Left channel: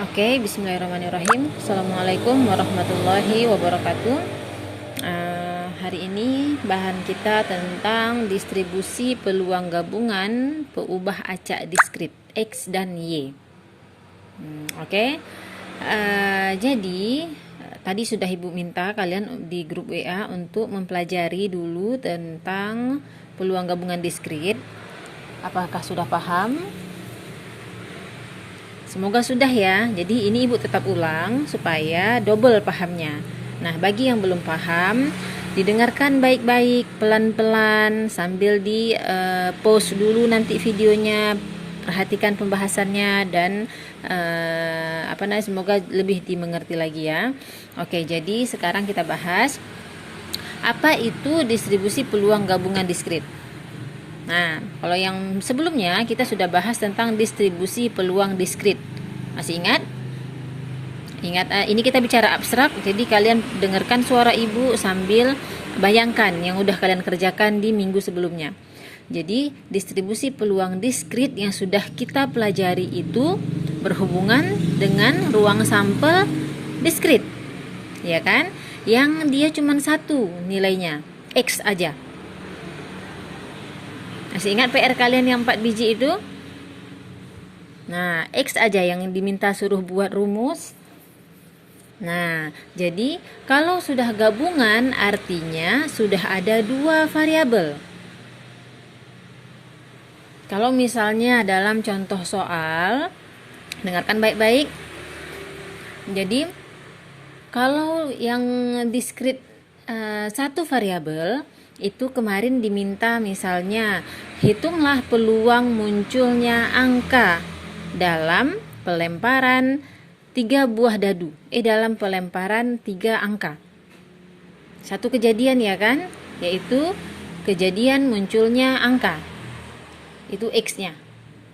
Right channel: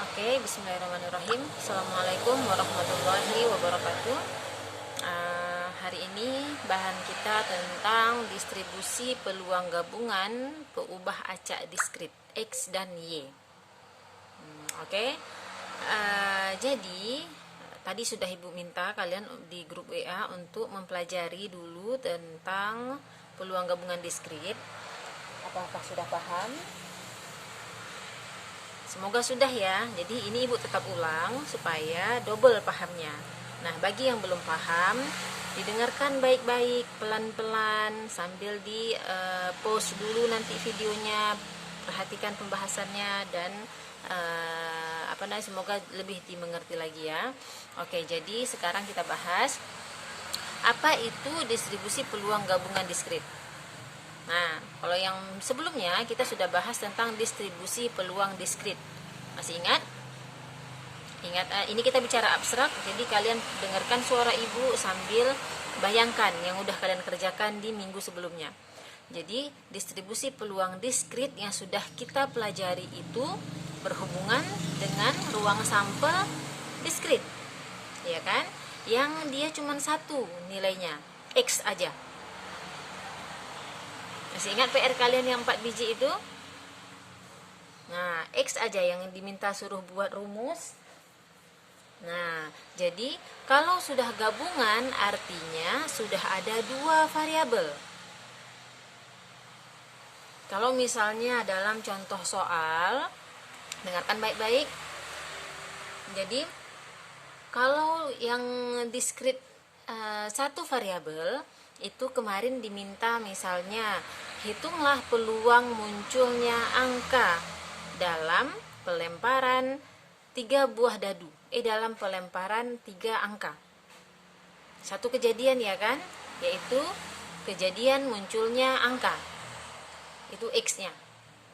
Oke, bismillahirrahmanirrahim. Assalamualaikum warahmatullahi wabarakatuh. Hari ini bahan kita tentang distribusi peluang gabungan peubah acak diskrit X dan Y. Oke. Jadi tadi sudah Ibu minta kalian di grup WA untuk mempelajari dulu tentang peluang gabungan diskrit. Apakah sudah paham? Semoga sudah ya. Jadi ini Ibu tetap ulang supaya double pahamnya. Nah, bagi yang belum paham, didengarkan baik-baik, pelan-pelan sambil di pause dulu nanti videonya, perhatikan pembahasannya dan semoga lebih dimengerti lagi ya. Oke, jadi sekarang kita bahas apa itu distribusi peluang gabungan diskrit. Nah, kalau yang sebelumnya kita sudah bahas tentang distribusi peluang diskrit. Masih ingat? Ingat, ini kita bicara abstrak, jadi kalian dengarkan suara Ibu sambil bayangkan yang udah kalian kerjakan di minggu sebelumnya. Jadi, distribusi peluang diskrit yang sudah kita pelajari itu berhubungan dengan ruang sampel diskrit. Ya kan? Yang dia cuma satu nilainya, X aja. Masih ingat PR kalian yang 4 biji itu? Nah, X aja yang diminta suruh buat rumus. Nah, jadi kalau sudah gabungan artinya sudah ada dua variabel. Kalau misalnya dalam contoh soal, dengarkan baik-baik. Jadi, kalau yang diskrit satu variabel, itu kemarin diminta misalnya hitunglah peluang munculnya angka dalam pelemparan 3 buah dadu dalam pelemparan 3 angka. Satu kejadian ya kan, yaitu kejadian munculnya angka, itu X-nya.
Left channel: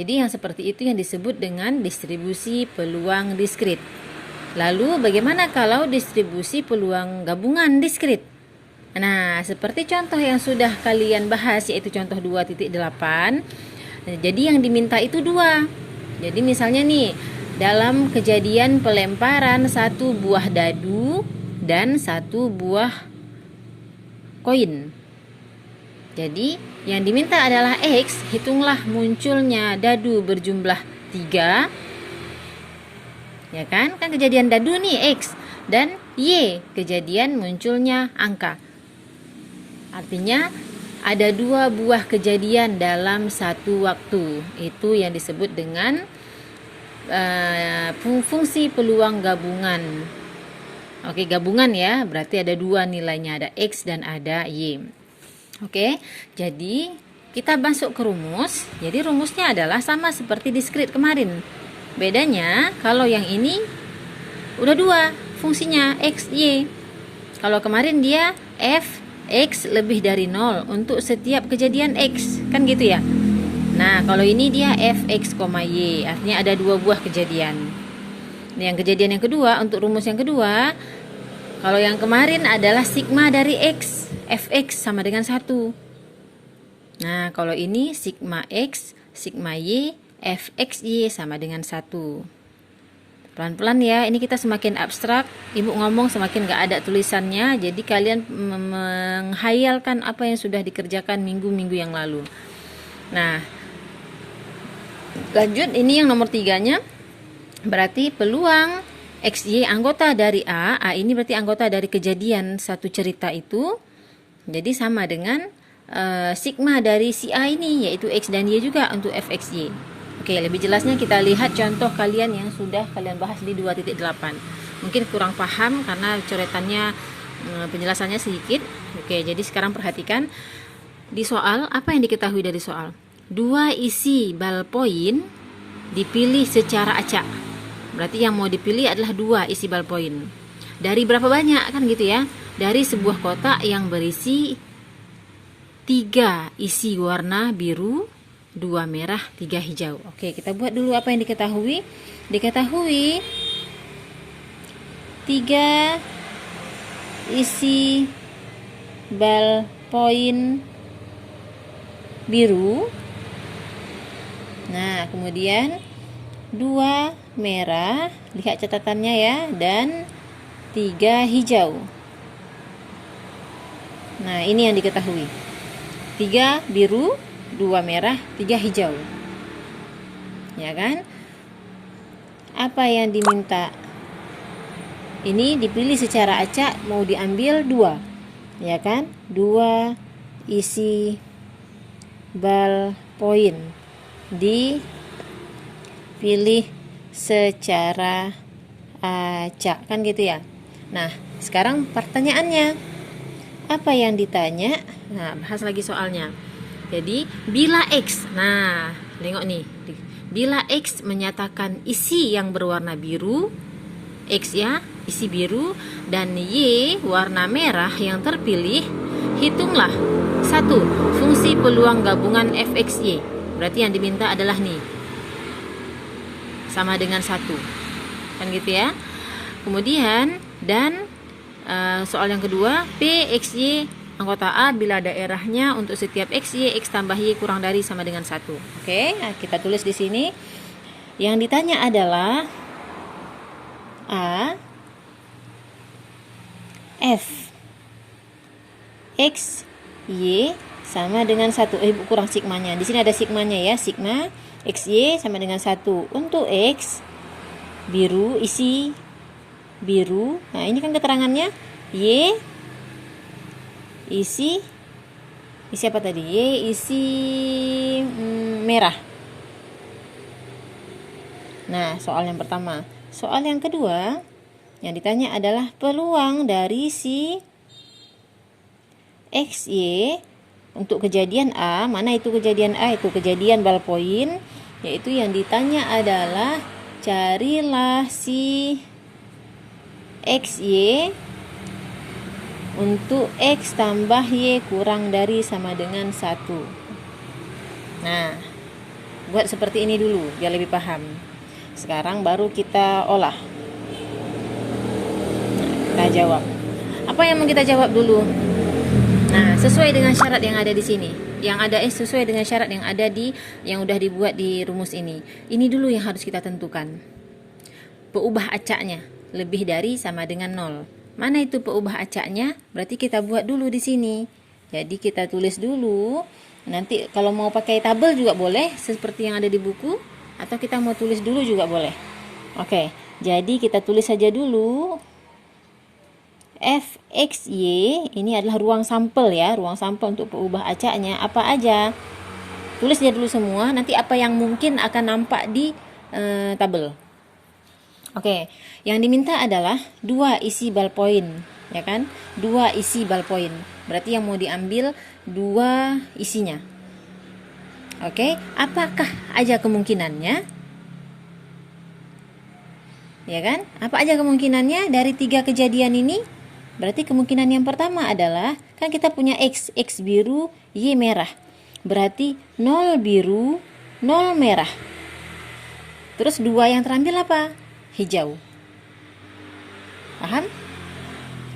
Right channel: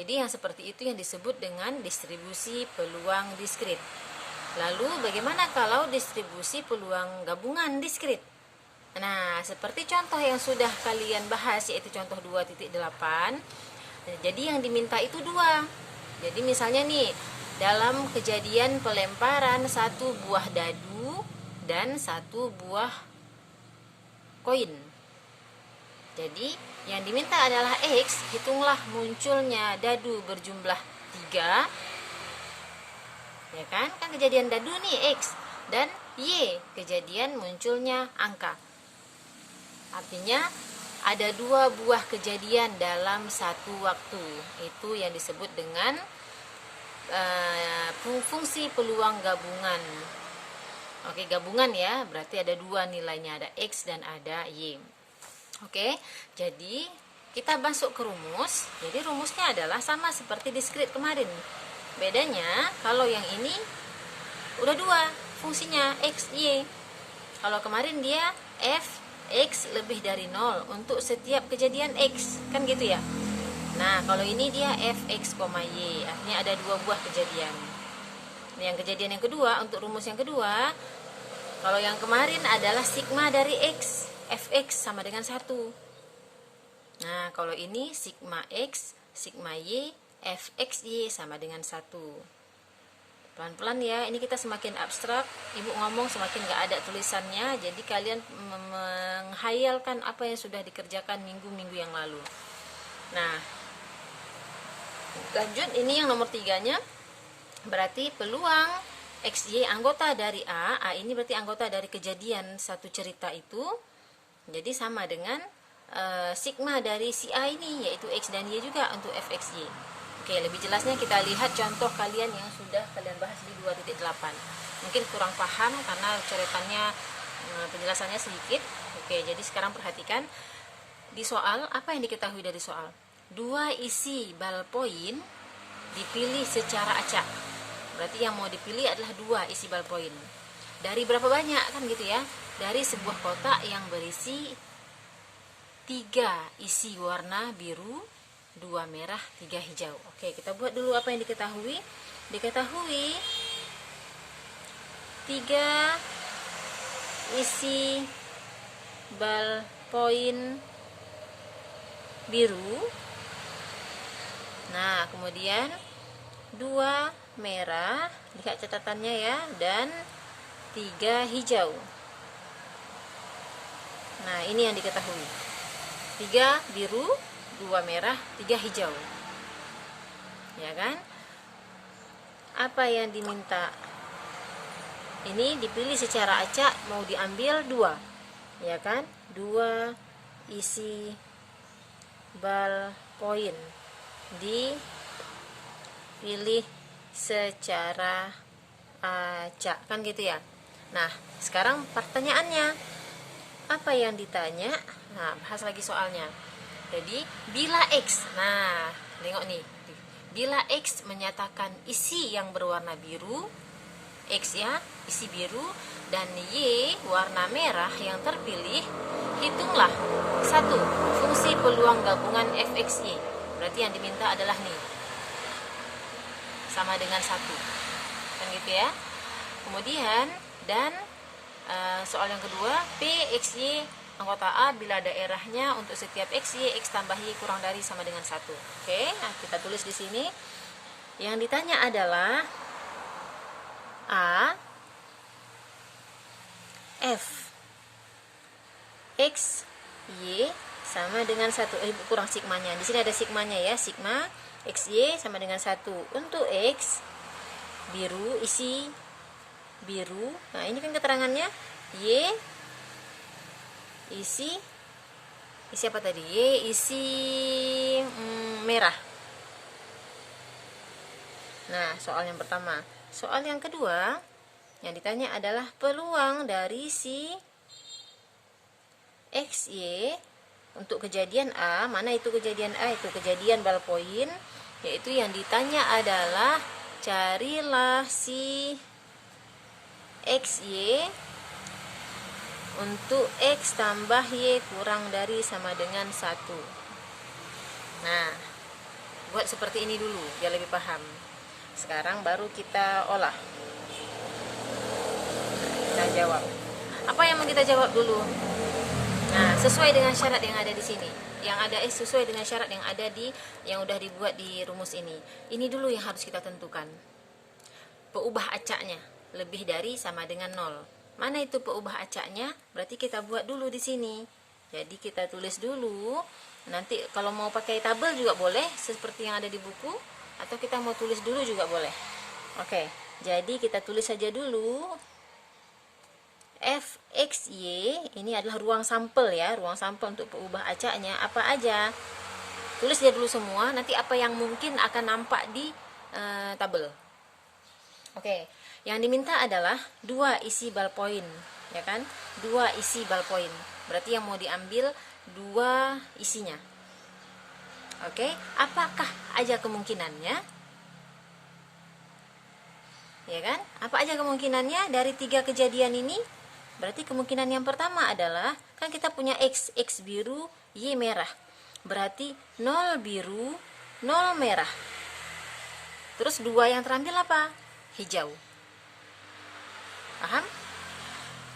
Jadi yang seperti itu yang disebut dengan distribusi peluang diskrit. Lalu bagaimana kalau distribusi peluang gabungan diskrit? Nah, seperti contoh yang sudah kalian bahas, yaitu contoh 2.8. Jadi yang diminta itu 2. Jadi misalnya nih, dalam kejadian pelemparan 1 buah dadu dan 1 buah koin. Jadi yang diminta adalah X, hitunglah munculnya dadu berjumlah 3. Ya kan? Kan kejadian dadu nih X, dan Y, kejadian munculnya angka. Artinya ada 2 buah kejadian dalam satu waktu. Itu yang disebut dengan fungsi peluang gabungan. Oke, gabungan ya, berarti ada 2 nilainya, ada X dan ada Y. Oke, jadi kita masuk ke rumus. Jadi rumusnya adalah sama seperti diskrit kemarin. Bedanya kalau yang ini udah 2 fungsinya X, Y. Kalau kemarin dia F X lebih dari 0 untuk setiap kejadian X, kan gitu ya. Nah, kalau ini dia Fx, Y, artinya ada 2 buah kejadian. Nah, yang kejadian yang kedua, untuk rumus yang kedua, kalau yang kemarin adalah sigma dari X, Fx sama dengan 1. Nah, kalau ini sigma X, sigma Y, Fxy sama dengan 1. Pelan-pelan ya, ini kita semakin abstrak, Ibu ngomong semakin gak ada tulisannya, jadi kalian menghayalkan apa yang sudah dikerjakan minggu-minggu yang lalu. Nah, lanjut, ini yang nomor 3-nya, berarti peluang XY anggota dari A ini berarti anggota dari kejadian satu cerita itu, jadi sama dengan sigma dari si A ini, yaitu X dan Y juga untuk Fxy. Oke, lebih jelasnya kita lihat contoh kalian yang sudah kalian bahas di 2.8. Mungkin kurang paham karena coretannya, penjelasannya sedikit. Oke, jadi sekarang perhatikan di soal, apa yang diketahui dari soal? 2 isi ballpoint dipilih secara acak. Berarti yang mau dipilih adalah 2 isi ballpoint. Dari berapa banyak, kan gitu ya? Dari sebuah kotak yang berisi 3 isi warna biru, 2 merah, 3 hijau. Oke, kita buat dulu apa yang diketahui. Diketahui 3 isi ballpoint biru. Nah, kemudian 2 merah, lihat catatannya ya, dan 3 hijau. Nah, ini yang diketahui. 3 biru, 2 merah, 3 hijau. Ya kan? Apa yang diminta? Ini dipilih secara acak, mau diambil 2. Ya kan? 2 isi ballpoint. Dipilih secara acak, kan gitu ya. Nah, sekarang pertanyaannya, apa yang ditanya? Nah, bahas lagi soalnya. Jadi, bila X, nah, tengok nih. Bila X menyatakan isi yang berwarna biru, X ya, isi biru, dan Y warna merah yang terpilih, hitunglah 1. Fungsi peluang gabungan fxy. Berarti yang diminta adalah nih, sama dengan 1. Kan gitu ya. Kemudian, dan soal yang kedua, P, X, Y anggota A bila daerahnya untuk setiap X, Y, X tambah Y kurang dari sama dengan 1. Oke, nah kita tulis di sini. Yang ditanya adalah A, F, X, Y sama dengan 1. Kurang sigmanya. Di sini ada sigmanya ya. Sigma X, Y sama dengan 1. Untuk X, biru, isi biru. Nah, ini kan keterangannya. Y, isi apa tadi? Y isi merah. Nah, soal yang pertama. Soal yang kedua, yang ditanya adalah peluang dari si X, Y untuk kejadian A. Mana itu kejadian A? Itu kejadian ballpoint. Yaitu yang ditanya adalah carilah si X, Y untuk X tambah Y kurang dari sama dengan 1. Nah, buat seperti ini dulu biar lebih paham. Sekarang baru kita olah. Kita jawab. Apa yang mau kita jawab dulu? Nah, sesuai dengan syarat yang ada di sini. Sesuai dengan syarat yang ada yang udah dibuat di rumus ini. Ini dulu yang harus kita tentukan. Peubah acaknya lebih dari sama dengan 0. Mana itu peubah acaknya? Berarti kita buat dulu di sini. Jadi kita tulis dulu. Nanti kalau mau pakai tabel juga boleh, seperti yang ada di buku. Atau kita mau tulis dulu juga boleh. Oke, jadi kita tulis saja dulu. F, X, Y, ini adalah ruang sampel ya. Ruang sampel untuk peubah acaknya. Apa aja? Tulis aja dulu semua. Nanti apa yang mungkin akan nampak di tabel. Oke, yang diminta adalah 2 isi ballpoint, ya kan? 2 isi ballpoint. Berarti yang mau diambil 2 isinya. Oke, apakah aja kemungkinannya? Ya kan? Apa aja kemungkinannya dari 3 kejadian ini? Berarti kemungkinan yang pertama adalah, kan kita punya X biru, Y merah. Berarti 0 biru, 0 merah. Terus 2 yang terambil apa? Hijau. Paham?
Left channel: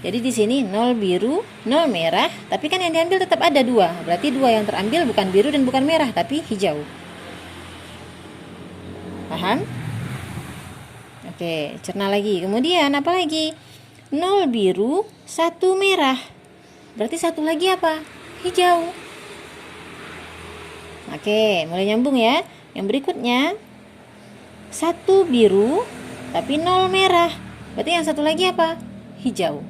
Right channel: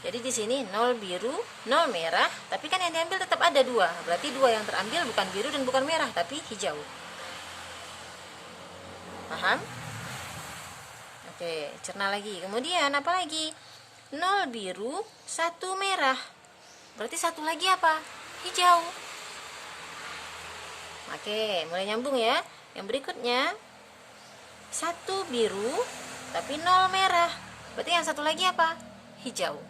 Jadi di sini 0 biru, 0 merah, tapi kan yang diambil tetap ada 2. Berarti 2 yang terambil bukan biru dan bukan merah, tapi hijau. Paham? Oke, cerna lagi. Kemudian apa lagi? 0 biru, 1 merah. Berarti 1 lagi apa? Hijau. Oke, mulai nyambung ya. Yang berikutnya 1 biru tapi 0 merah. Berarti yang 1 lagi apa? Hijau.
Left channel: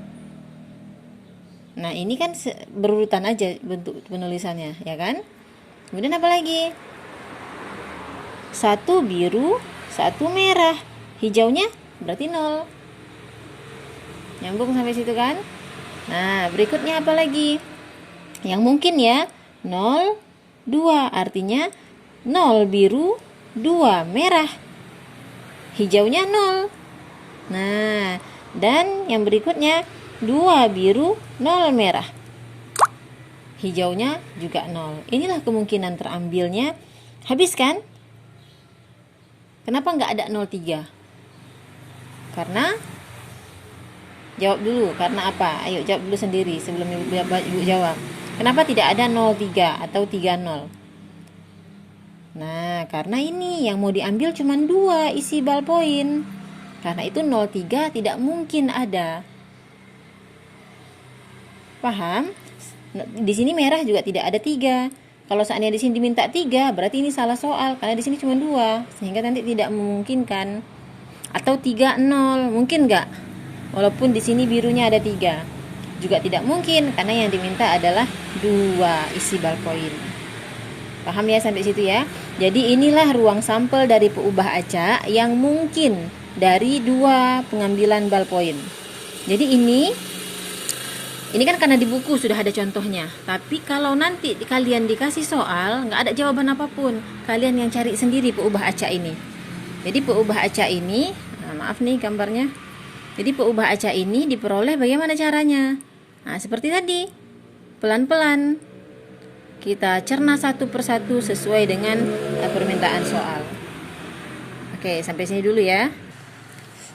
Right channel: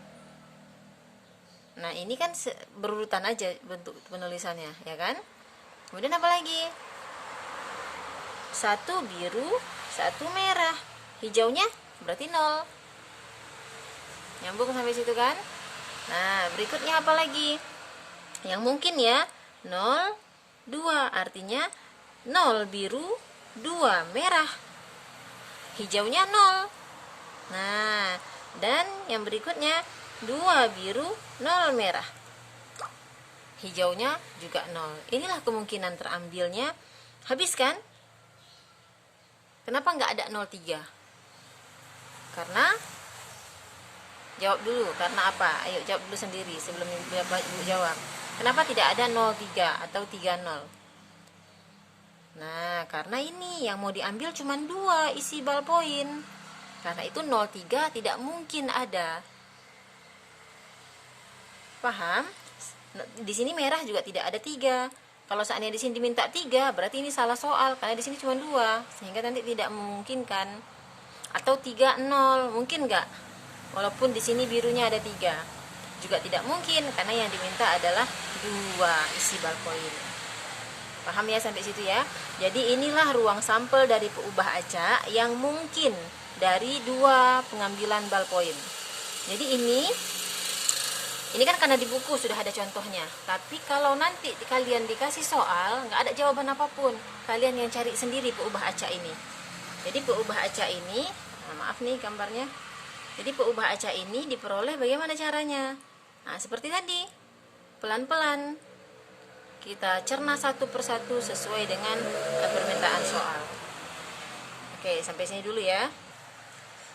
Nah, ini kan berurutan aja bentuk penulisannya, ya kan? Kemudian apa lagi? 1 biru, 1 merah. Hijaunya berarti 0. Nyambung sampai situ kan? Nah, berikutnya apa lagi? Yang mungkin ya, 0, 2. Artinya 0 biru, 2 merah. Hijaunya 0. Nah, dan yang berikutnya 2 biru, 0 merah. Hijaunya juga 0. Inilah kemungkinan terambilnya. Habis kan? Kenapa nggak ada 03? Karena jawab dulu, karena apa? Ayo jawab dulu sendiri sebelum ibu jawab. Kenapa tidak ada 03 atau 30? Nah, karena ini yang mau diambil cuma 2 isi ballpoint. Karena itu 03 tidak mungkin ada. Paham? Di sini merah juga tidak ada 3. Kalau seandainya di sini diminta 3, berarti ini salah soal karena di sini cuma 2, sehingga nanti tidak memungkinkan. Atau 30, mungkin nggak? Walaupun di sini birunya ada 3. Juga tidak mungkin karena yang diminta adalah 2 isi ballpoint. Paham ya sampai situ ya? Jadi inilah ruang sampel dari peubah acak yang mungkin dari 2 pengambilan ballpoint. Jadi ini kan karena di buku sudah ada contohnya. Tapi kalau nanti kalian dikasih soal, nggak ada jawaban apapun, kalian yang cari sendiri peubah acak ini. Jadi peubah acak ini, maaf nih gambarnya. Jadi peubah acak ini diperoleh bagaimana caranya? Nah, seperti tadi, pelan-pelan kita cerna satu persatu sesuai dengan permintaan soal. Oke, sampai sini dulu ya.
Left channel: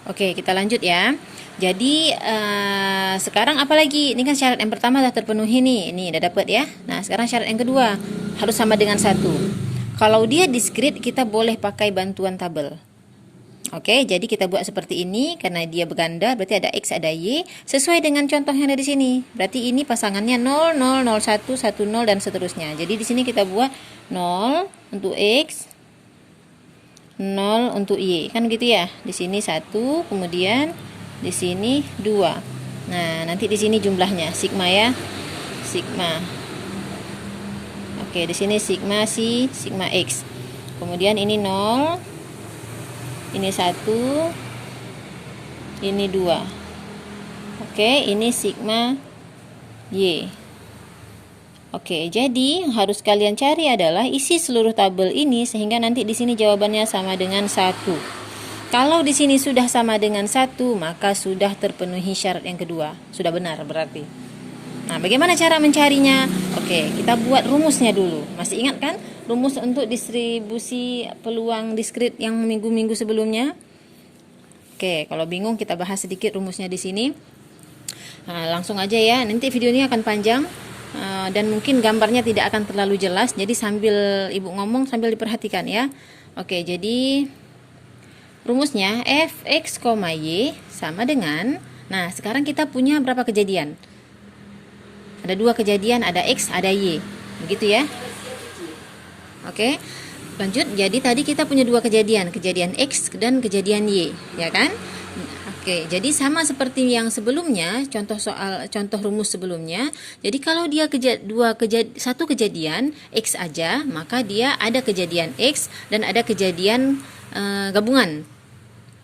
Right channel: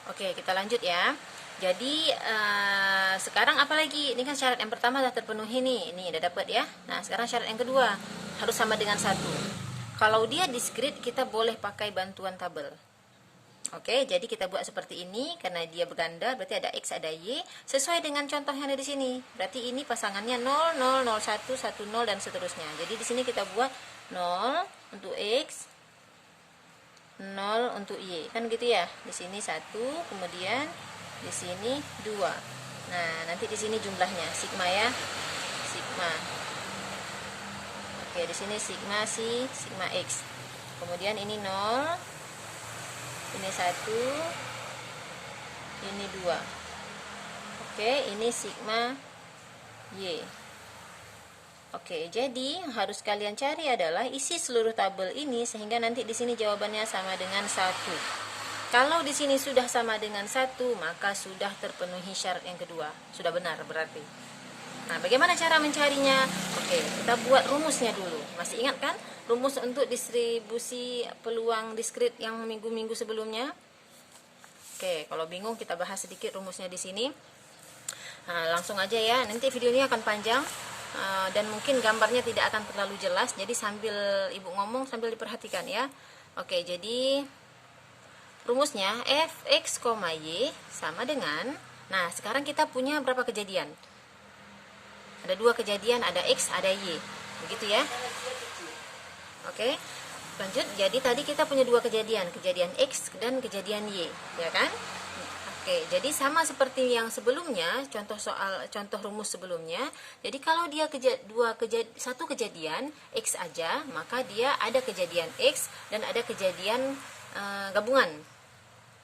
Oke, kita lanjut ya. Jadi sekarang apa lagi? Ini kan syarat yang pertama sudah terpenuhi nih. Ini udah dapat ya. Nah, sekarang syarat yang kedua harus sama dengan 1. Kalau dia diskrit, kita boleh pakai bantuan tabel. Oke, jadi kita buat seperti ini karena dia berganda, berarti ada X, ada Y, sesuai dengan contoh yang ada di sini. Berarti ini pasangannya 0, 0, 0, 1, 1, 0 dan seterusnya. Jadi di sini kita buat 0 untuk X, 0 untuk Y. Kan gitu ya. Di sini 1, kemudian di sini 2. Nah, nanti di sini jumlahnya sigma ya. Sigma. Oke, di sini sigma si sigma X. Kemudian ini 0, ini 1, ini 2. Oke, ini sigma Y. Oke, jadi harus kalian cari adalah isi seluruh tabel ini sehingga nanti di sini jawabannya sama dengan 1. Kalau di sini sudah sama dengan 1, maka sudah terpenuhi syarat yang kedua. Sudah benar berarti. Nah, bagaimana cara mencarinya? Oke, kita buat rumusnya dulu. Masih ingat kan? Rumus untuk distribusi peluang diskrit yang minggu-minggu sebelumnya. Oke, kalau bingung kita bahas sedikit rumusnya di sini. Nah, langsung aja ya. Nanti video ini akan panjang dan mungkin gambarnya tidak akan terlalu jelas. Jadi sambil ibu ngomong sambil diperhatikan ya. Oke, jadi rumusnya fx, y sama dengan. Nah, sekarang kita punya berapa kejadian? Ada 2 kejadian, ada X, ada Y. Begitu ya. Oke, lanjut. Jadi tadi kita punya 2 kejadian X dan kejadian Y, ya kan? Oke, jadi sama seperti yang sebelumnya, contoh rumus sebelumnya. Jadi kalau dia satu kejadian X aja, maka dia ada kejadian X dan ada kejadian gabungan.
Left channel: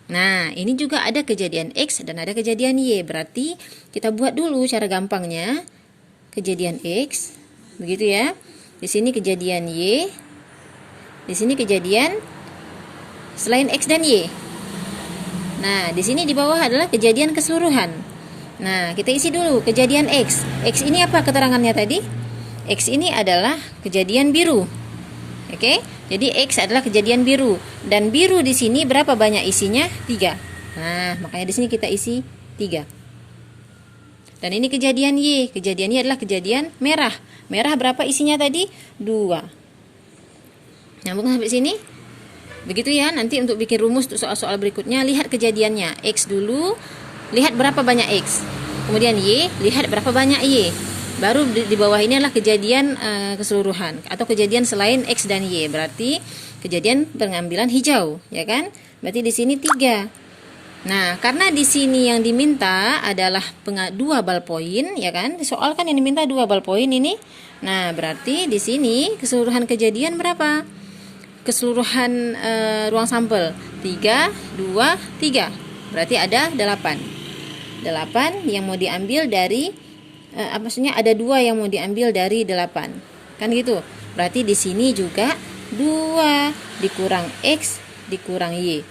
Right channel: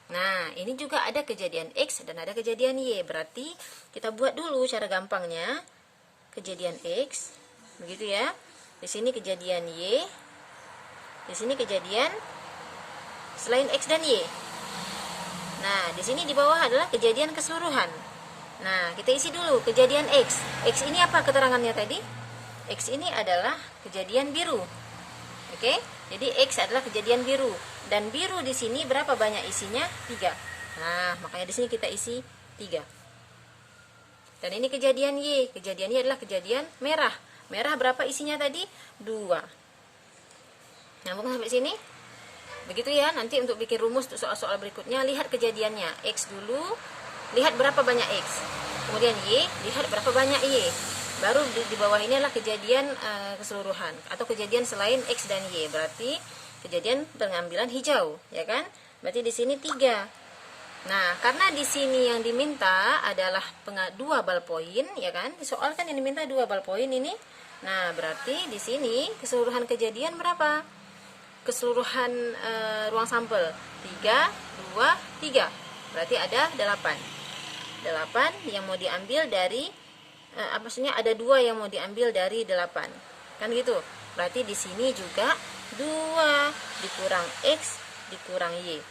Nah, ini juga ada kejadian X dan ada kejadian Y. Berarti kita buat dulu cara gampangnya. Kejadian X, begitu ya. Di sini kejadian Y. Di sini kejadian selain X dan Y. Nah, di sini di bawah adalah kejadian keseluruhan. Nah, kita isi dulu kejadian X. X ini apa keterangannya tadi? X ini adalah kejadian biru. Oke, jadi X adalah kejadian biru. Dan biru di sini berapa banyak isinya? 3. Nah, makanya di sini kita isi 3. Dan ini kejadian Y. Kejadian Y adalah kejadian merah. Merah berapa isinya tadi? 2. Nyambung sampai sini? Begitu ya. Nanti untuk bikin rumus untuk soal-soal berikutnya, lihat kejadiannya. X dulu, lihat berapa banyak X. Kemudian Y, lihat berapa banyak Y. Baru di bawah ini adalah kejadian keseluruhan atau kejadian selain X dan Y. Berarti kejadian pengambilan hijau, ya kan? Berarti di sini 3. Nah, karena di sini yang diminta adalah 2 ballpoint, ya kan? Soal kan yang diminta 2 ballpoint ini. Nah, berarti di sini keseluruhan kejadian berapa? Keseluruhan ruang sampel 3, 2, 3. Berarti ada 8. 8 yang mau diambil dari maksudnya ada 2 yang mau diambil dari 8. Kan gitu. Berarti di sini juga 2 dikurang X dikurang Y.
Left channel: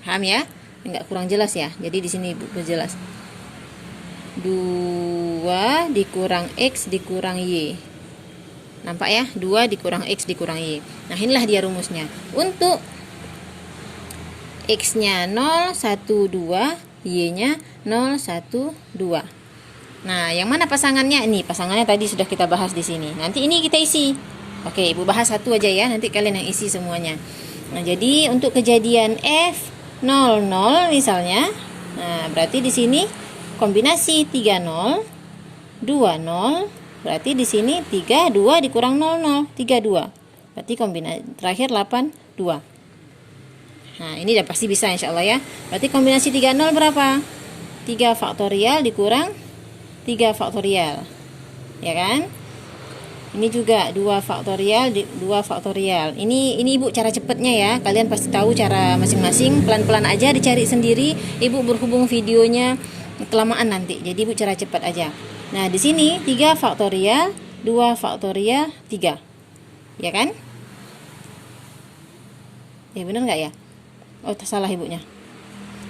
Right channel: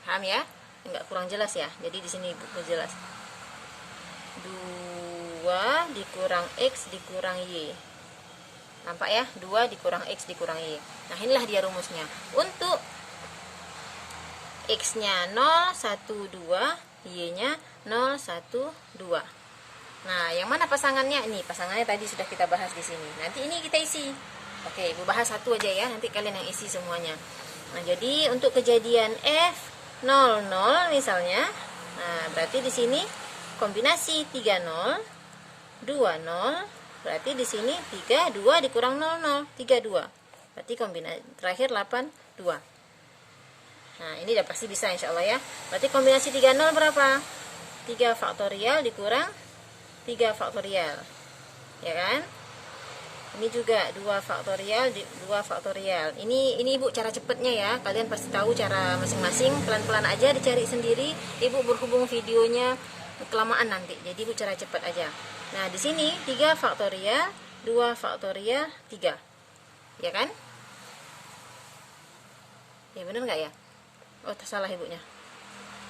Paham ya? Enggak kurang jelas ya. Jadi di sini jelas. 2 dikurang X dikurang Y. Nampak ya? 2 dikurang X dikurang Y. Nah, inilah dia rumusnya. Untuk X-nya 0, 1, 2, Y-nya 0, 1, 2. Nah, yang mana pasangannya? Ini pasangannya tadi sudah kita bahas di sini. Nanti ini kita isi. Oke, Ibu bahas satu aja ya, nanti kalian yang isi semuanya. Nah, jadi untuk kejadian F00 misalnya, nah berarti di sini kombinasi 30, 20, berarti di sini 32 dikurang 00, 32. Berarti kombinasi terakhir 82. Nah, ini udah pasti bisa insya Allah ya. Berarti kombinasi 30 berapa? 3 faktorial dikurang 3 faktorial. Ya kan? Ini juga 2 faktorial 2 faktorial. Ini Ibu cara cepatnya ya. Kalian pasti tahu cara masing-masing. Pelan-pelan aja dicari sendiri. Ibu berhubung videonya kelamaan nanti. Jadi Ibu cara cepat aja. Nah, di sini 3 faktorial 2 faktorial 3. Ya kan? Ya benar nggak ya? Oh, salah Ibunya.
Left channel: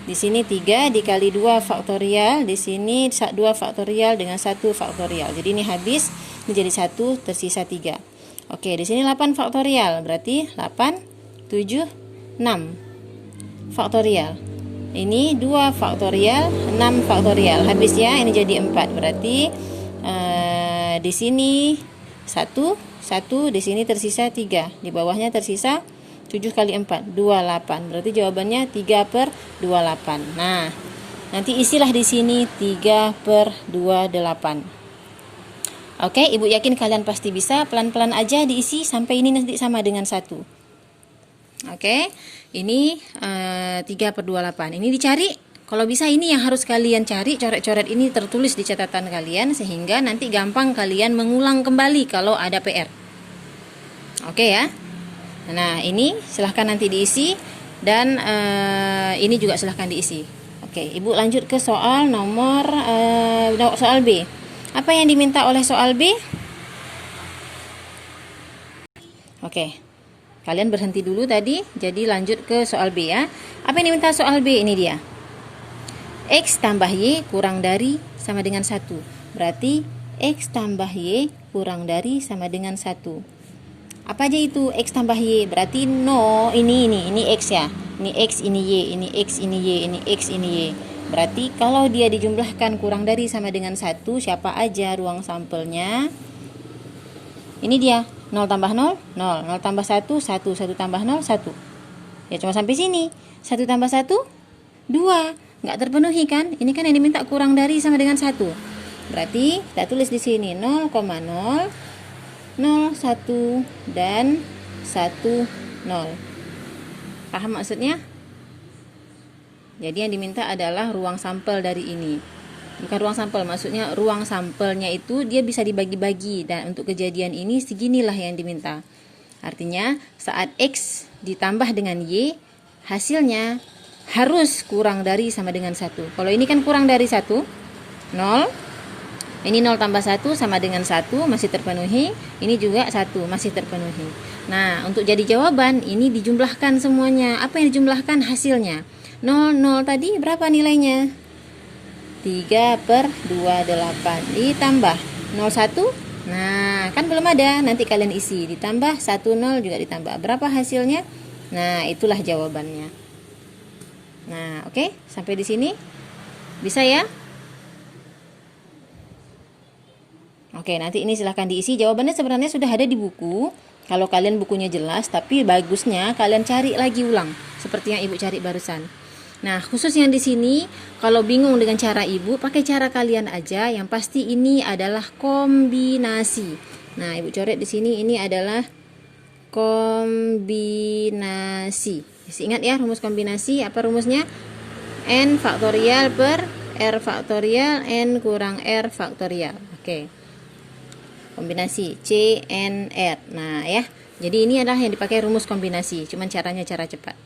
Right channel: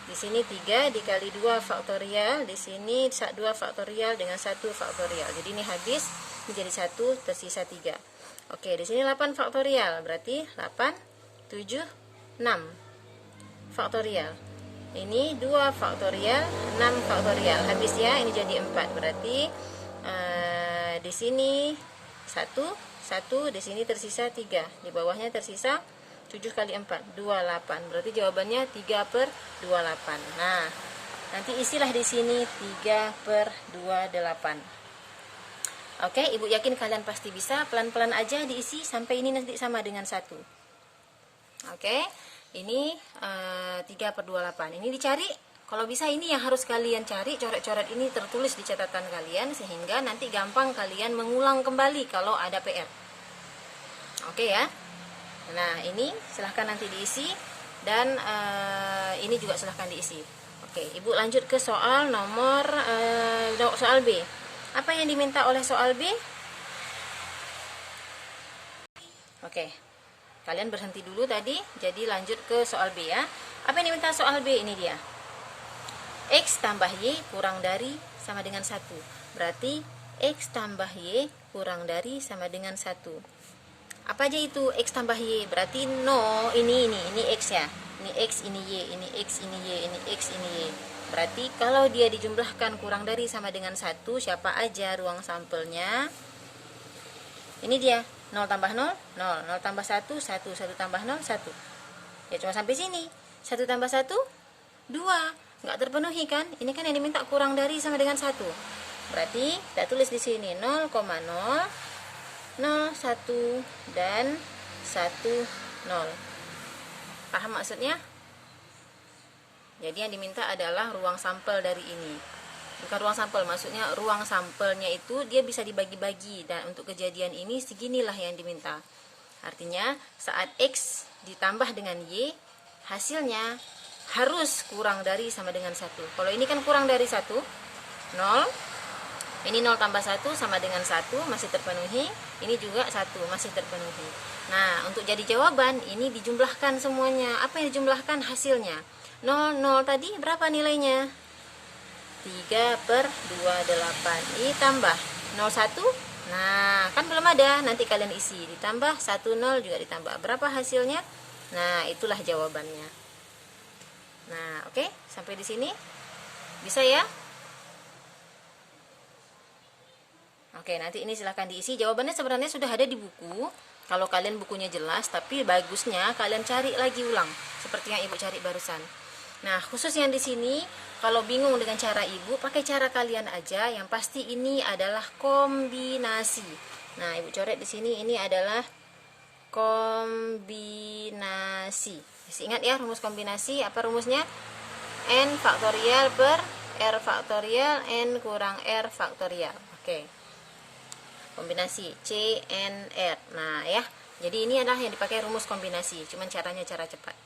Di sini 3 dikali 2 faktorial, di sini 2 faktorial dengan 1 faktorial. Jadi ini habis, ini jadi 1, tersisa 3. Oke, di sini 8 faktorial, berarti 8, 7, 6 faktorial. Ini 2 faktorial, 6 faktorial. Habis ya, ini jadi 4. Berarti di sini 1, di sini tersisa 3. Di bawahnya tersisa 7 kali 4, 28. Berarti jawabannya 3/28. Nah, nanti isilah di sini 3/28. Oke, Ibu yakin kalian pasti bisa. Pelan-pelan aja diisi sampai ini nanti sama dengan 1. Oke, ini 3/28. Ini dicari. Kalau bisa ini yang harus kalian cari. Coret-coret ini tertulis di catatan kalian sehingga nanti gampang kalian mengulang kembali kalau ada PR. Oke ya. Nah, ini silahkan nanti diisi dan ini juga silahkan diisi. Oke, Ibu lanjut ke soal nomor soal B. Apa yang diminta oleh soal B? Oke, kalian berhenti dulu tadi. Jadi lanjut ke soal B ya. Apa yang diminta soal B? Ini dia. X tambah Y kurang dari sama dengan 1. Berarti X tambah Y kurang dari sama dengan 1. Apa aja itu X tambah Y? Berarti no, ini X ya. Ini X, ini Y, ini X, ini Y, ini X, ini Y. Berarti kalau dia dijumlahkan kurang dari sama dengan 1, siapa aja ruang sampelnya? Ini dia, 0 tambah 0, 0, 0 tambah 1, 1, 1 tambah 0, 1. Ya cuma sampai sini. 1 tambah 1, 2. Nggak terpenuhi kan? Ini kan yang diminta kurang dari sama dengan 1. Berarti kita tulis di sini 0,0, 0, 1, dan 1, 0. Paham maksudnya? Jadi yang diminta adalah ruang sampel dari ini. Bukan ruang sampel, maksudnya ruang sampelnya itu dia bisa dibagi-bagi. Dan untuk kejadian ini seginilah yang diminta. Artinya saat X ditambah dengan Y, hasilnya harus kurang dari sama dengan 1. Kalau ini kan kurang dari 1, 0. Ini 0 tambah 1 sama dengan 1, masih terpenuhi. Ini juga 1, masih terpenuhi. Nah, untuk jadi jawaban, ini dijumlahkan semuanya. Apa yang dijumlahkan? Hasilnya. 0, 0 tadi berapa nilainya? 3/28. Ditambah 01. Nah, kan belum ada. Nanti kalian isi. Ditambah 10 juga ditambah. Berapa hasilnya? Nah, itulah jawabannya. Nah, oke. Sampai di sini. Bisa ya? Oke, nanti ini silahkan diisi. Jawabannya sebenarnya sudah ada di buku. Kalau kalian bukunya jelas, tapi bagusnya kalian cari lagi ulang. Seperti yang Ibu cari barusan. Nah, khusus yang di sini, kalau bingung dengan cara Ibu, pakai cara kalian aja. Yang pasti ini adalah kombinasi. Nah, Ibu coret di sini, ini adalah kombinasi. Masih ingat ya rumus kombinasi? Apa rumusnya? N faktorial per R faktorial, N kurang R faktorial. Oke. Kombinasi CNR. Nah ya, jadi ini adalah yang dipakai rumus kombinasi, cuman caranya cara cepat.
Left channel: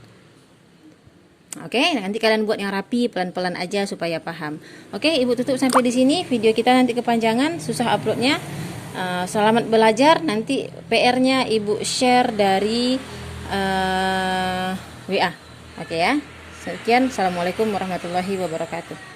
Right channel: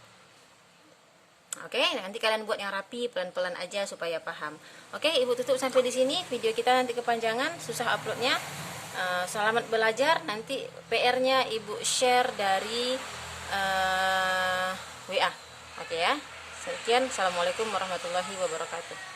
Oke, nanti kalian buat yang rapi, pelan-pelan aja supaya paham. Oke, Ibu tutup sampai di sini. Video kita nanti kepanjangan, susah uploadnya. Selamat belajar. Nanti PR-nya Ibu share dari WA. Oke ya. Sekian. Assalamualaikum warahmatullahi wabarakatuh.